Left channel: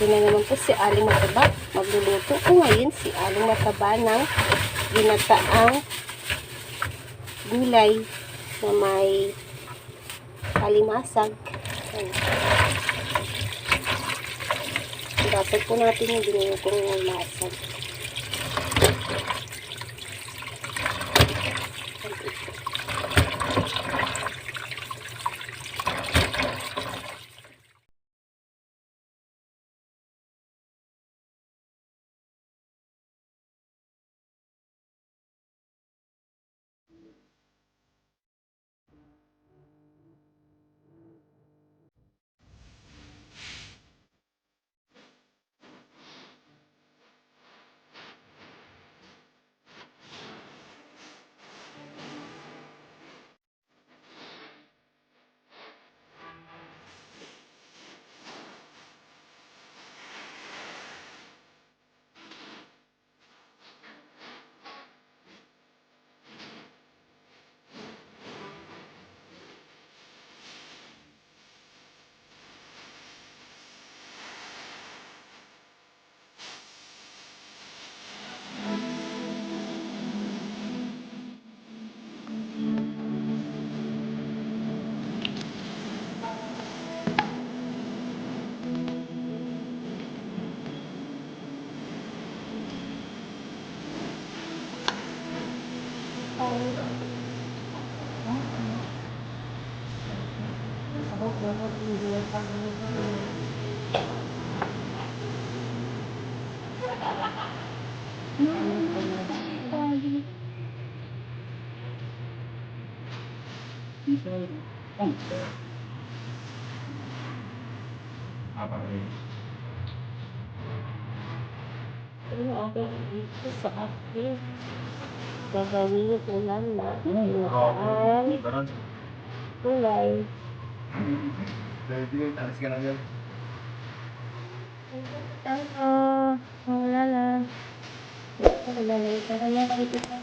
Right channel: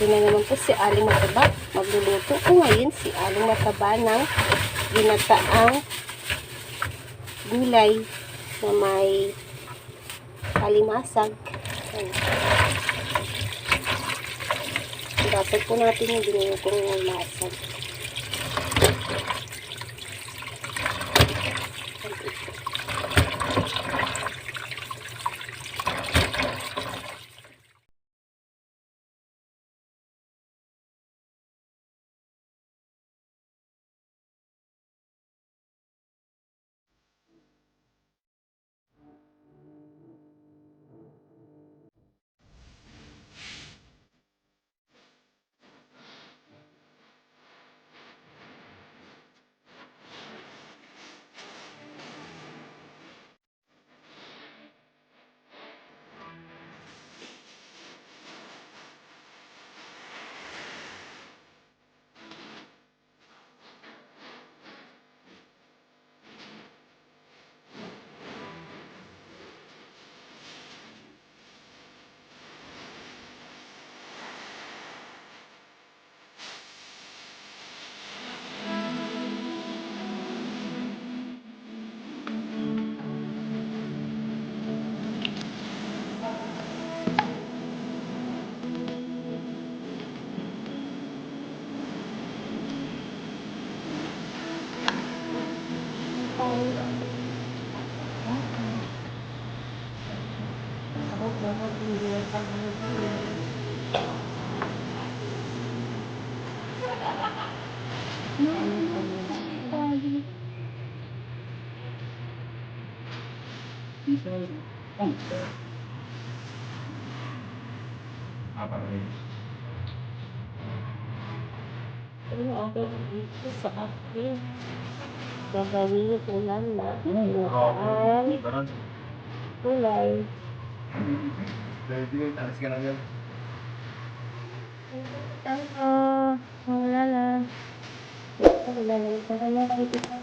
Ito na naman po si Aling Mataba. Magluluto ko ngayon si Aling Mataba ng ginataang gulay na may kalimasag. Dasag po natin yung ginulutong masag. Ako dapat hindi ang pag-ibig. Pero ako dito sa akin. Gagawin ko lang na kulay. Wala lang. Wala lang. Kaya ito sa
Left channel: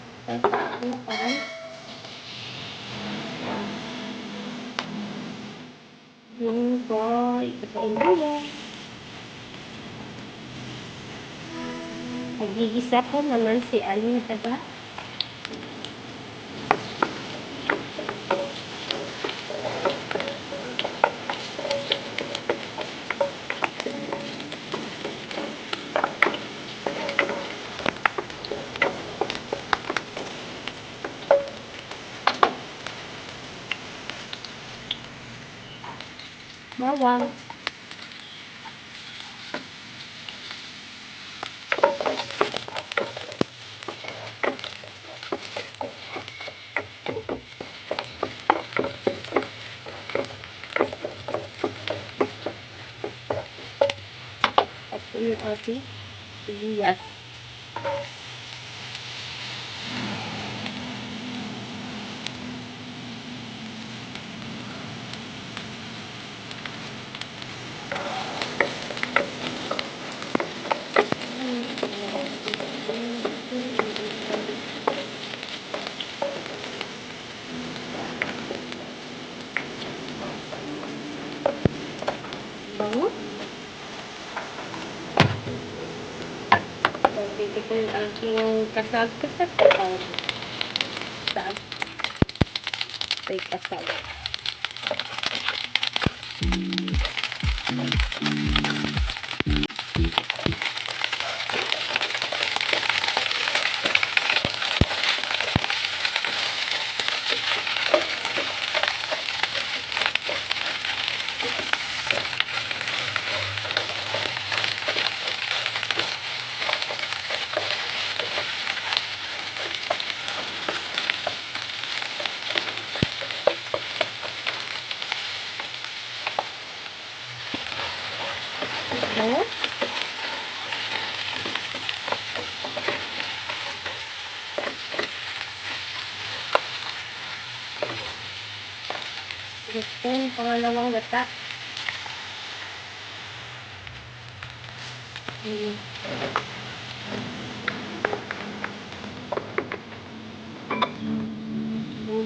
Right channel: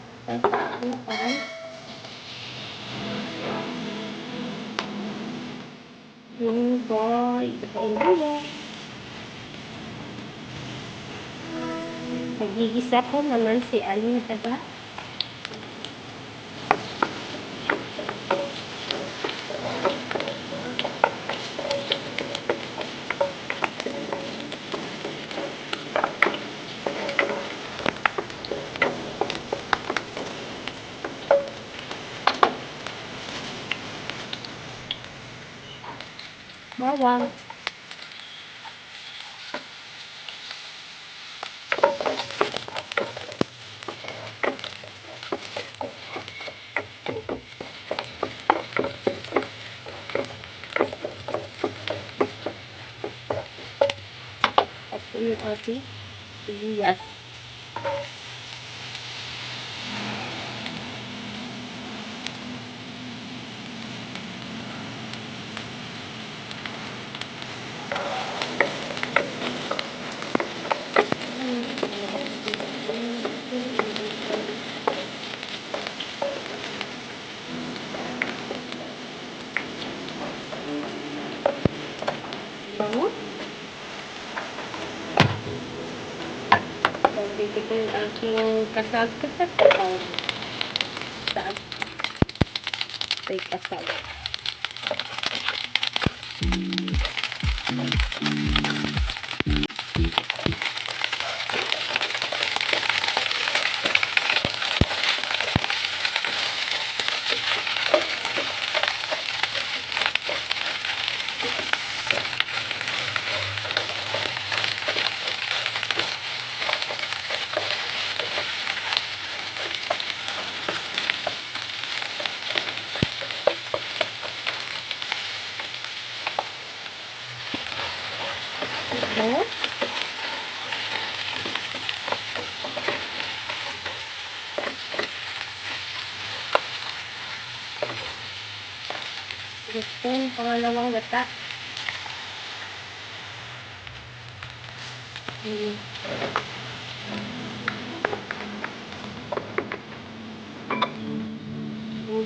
yung boy. Nagigisa ko naman si Aling Mataba. Bawang. At yung ating sibuyas. Bango. Dito ko yung aking kasag-kasag. Saan? Ito'y kasag. Bango. Gusto yung pangalawang gata.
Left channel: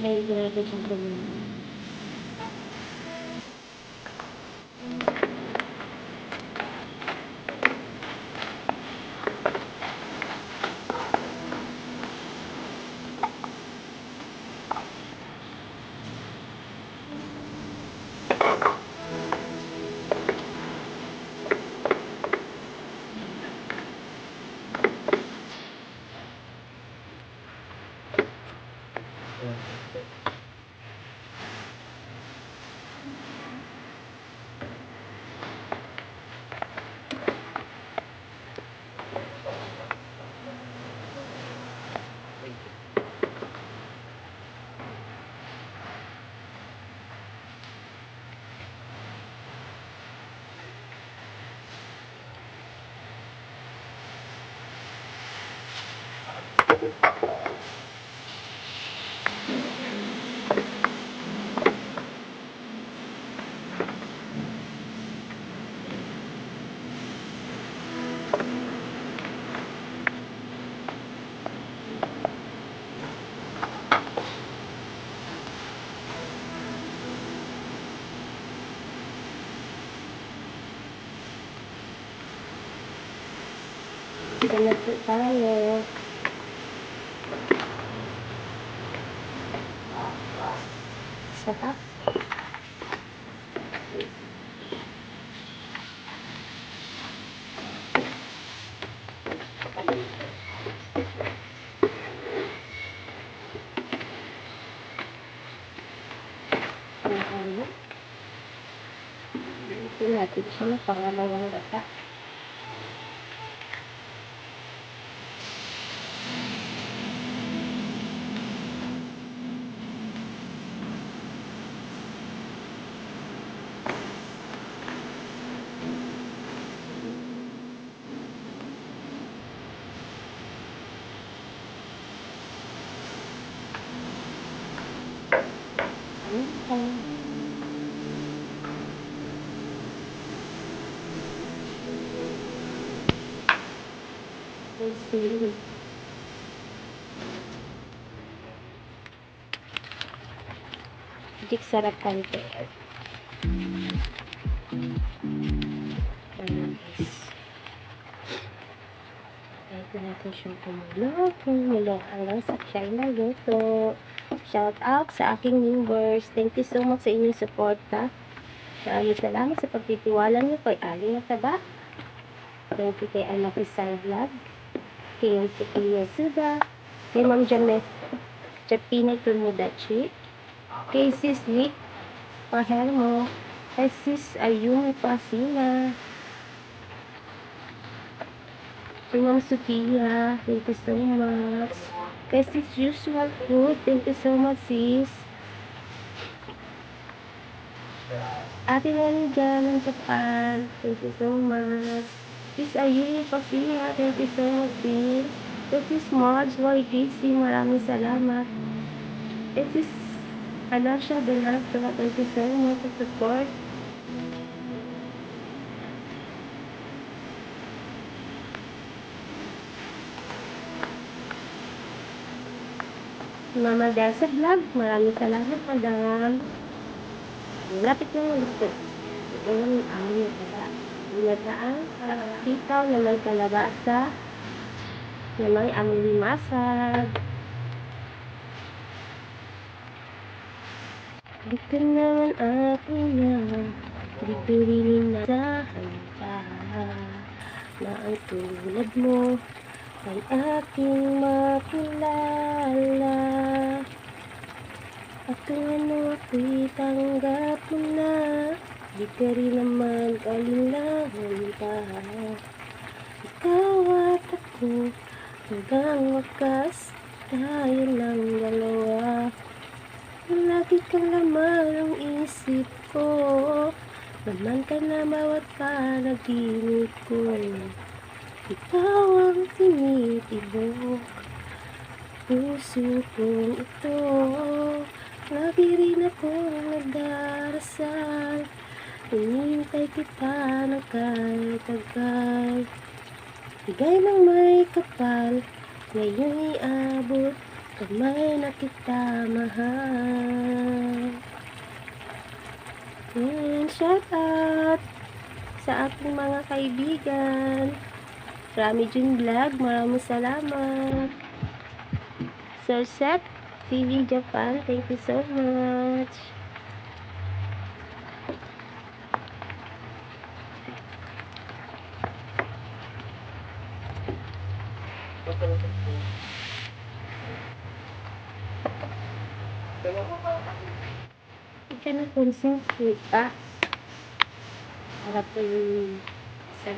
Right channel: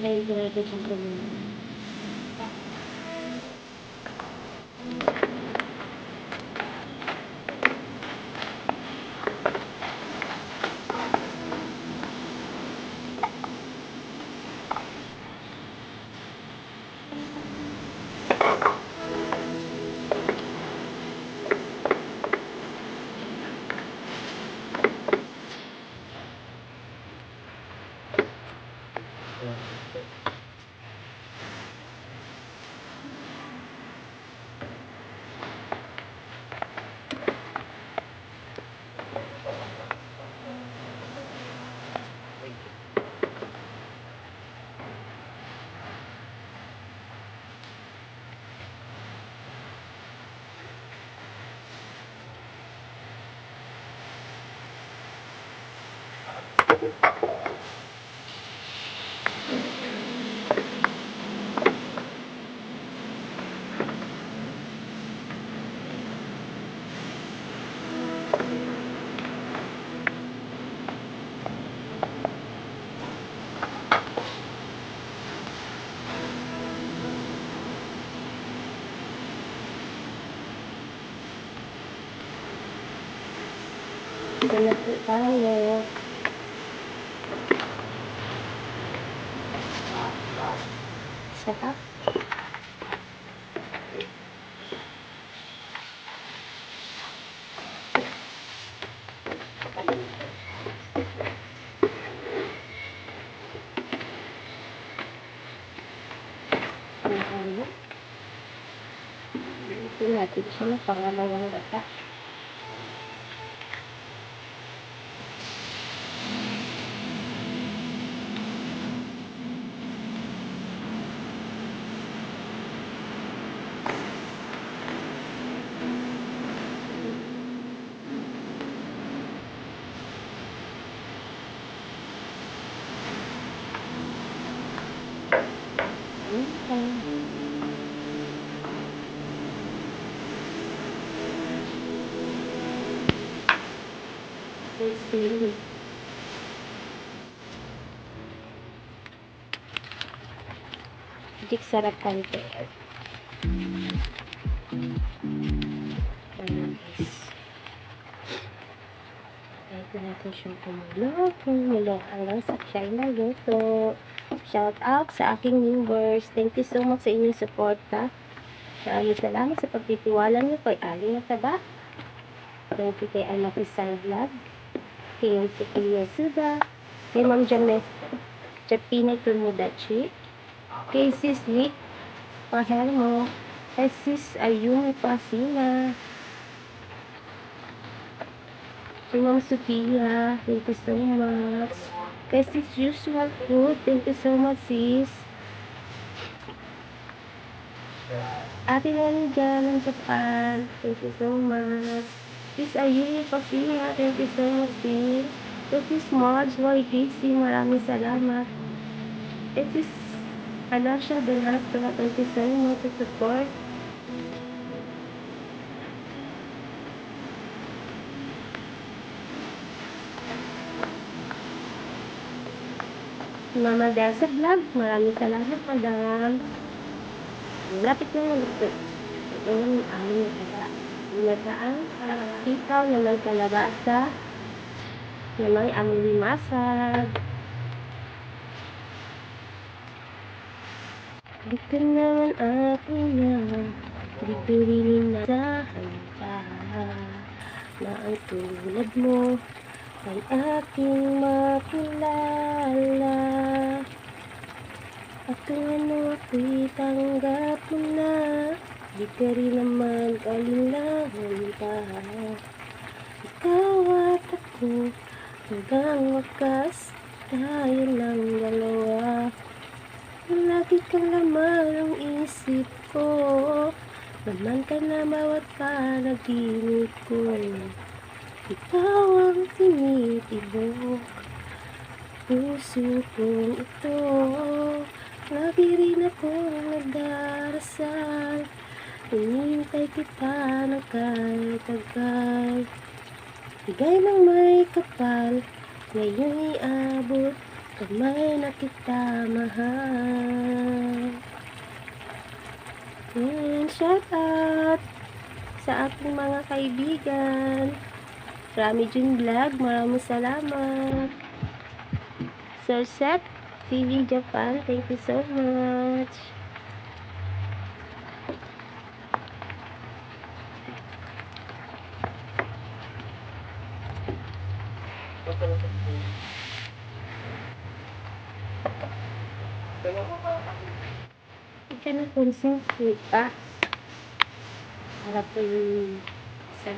May grabe kong ganyan. Ito na po tayo. Sarap. Ito natin siya na pangalawang gata. Sili. Dik sarap kante. Ito natin siyang kumulo hanggang sa siya naluto. Shout out sa aking viewers. Thank you so much sa inyong suporta. Maraming salamat sa pagtitiwala niyo kay Ali Nataba. Thank you kay Anak Isang Vlog. Kay Yasuda. Kay Ma'am James Chapina Tulmudachi. Kay Sis Vic Pahermo. Kay Sis Ayumi Pasina. Kay Ma'am Sophia, thank you so much. Kay Sis Usual Food, thank you so much sis. Ate Nani dyan ng Japan, thank you so much. Sis Ayumi Pasina, thank you so much sis. Kay Sis Mods YGC, maraming salamat. Kay Sis Alasha Donato, thank you so much for support. Mama Delsa Vlog, maraming salamat madam. Lapit na yung gusto. Ito yung aming nataan. Ikaw na may kalabasa. Na may aming masag. Di ka naman akin yan. Di ko rin inasahan pa. Na ang tulad mo ay aking makilala. At kung ano ako'y tanggap mo na, di ka rin naman kalinlangan pa. Ikaw at ako, hanggang wakas, tayo lang dalawa. Lagi kang laman ang isip ko, naman ka na bawat panaginip ko. Ikaw ang tinitibok, puso kong ito. Lagi rin akong nagdarasal, hinihintay kita ng kahit agad. Bigay ng may kapal, ngayon iabot, kamay na kita mahal. And shout out sa aking mga kaibigan. Rami Jun Vlog, maraming salamat. Sir Seth TV Japan, thank you so much. Ito na kung sweet pa. Harap na yung isa.